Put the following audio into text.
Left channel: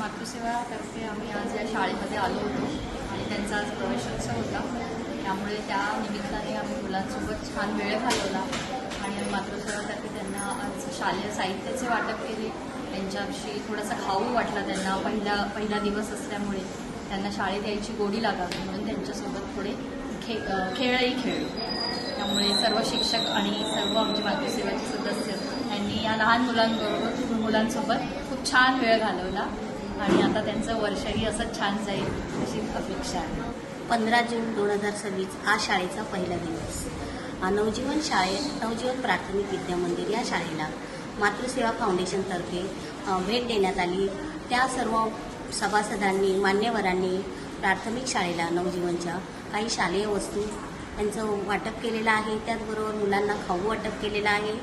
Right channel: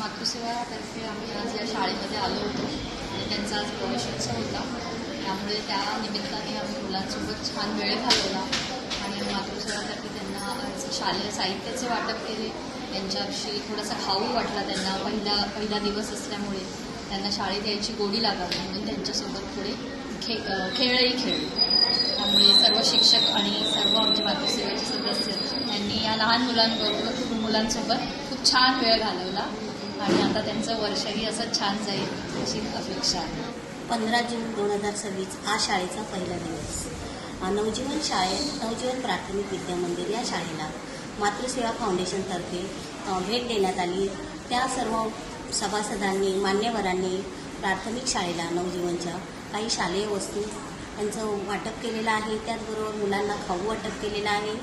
मातृसेवातर्फे आम्ही आज या शाळेमध्ये आलो होतो आणि त्यांचा आज प्रवेशोत्सव होता। त्यामुळे त्या निमित्ताने आम्ही मुलांसोबत छान वेळ घालवला आणि मातृसेवातर्फे त्यांना आज शालेय साहित्याचे वाटप केले। त्यांच्याशी थोडासा खाऊ वाटला त्यांना, पहिला दिवस असल्यामुळे त्यांना शाळेत यायची गोडी लागावी म्हणून त्यांच्यासोबत थोडे खेळही खेळले। त्यामुळे सर्व शिक्षक आणि सर्व आमचे मातृसेवेचे सदस्य यांनी या लहान मुलांसोबत खूप छान वेळ घालवला आणि आता त्यांचं वर्षही असं छान जाईल अशी अपेक्षा आहे। 15 जून 2026 आज शाळेचा पहिला दिवस। नवजीवन प्राथमिक विद्या मंदिर या शाळेला मातृसेवा फाउंडेशनतर्फे भेट देण्यात आली। त्या सर्व सभासदांनी, मान्यवरांनी प्राथमिक शाळेला नवजीवनच्या काही शालेय वस्तू यांचं वाटप केलेलं आहे। त्याचबरोबर मुलांना खाऊ वाटप केलेलं आहे।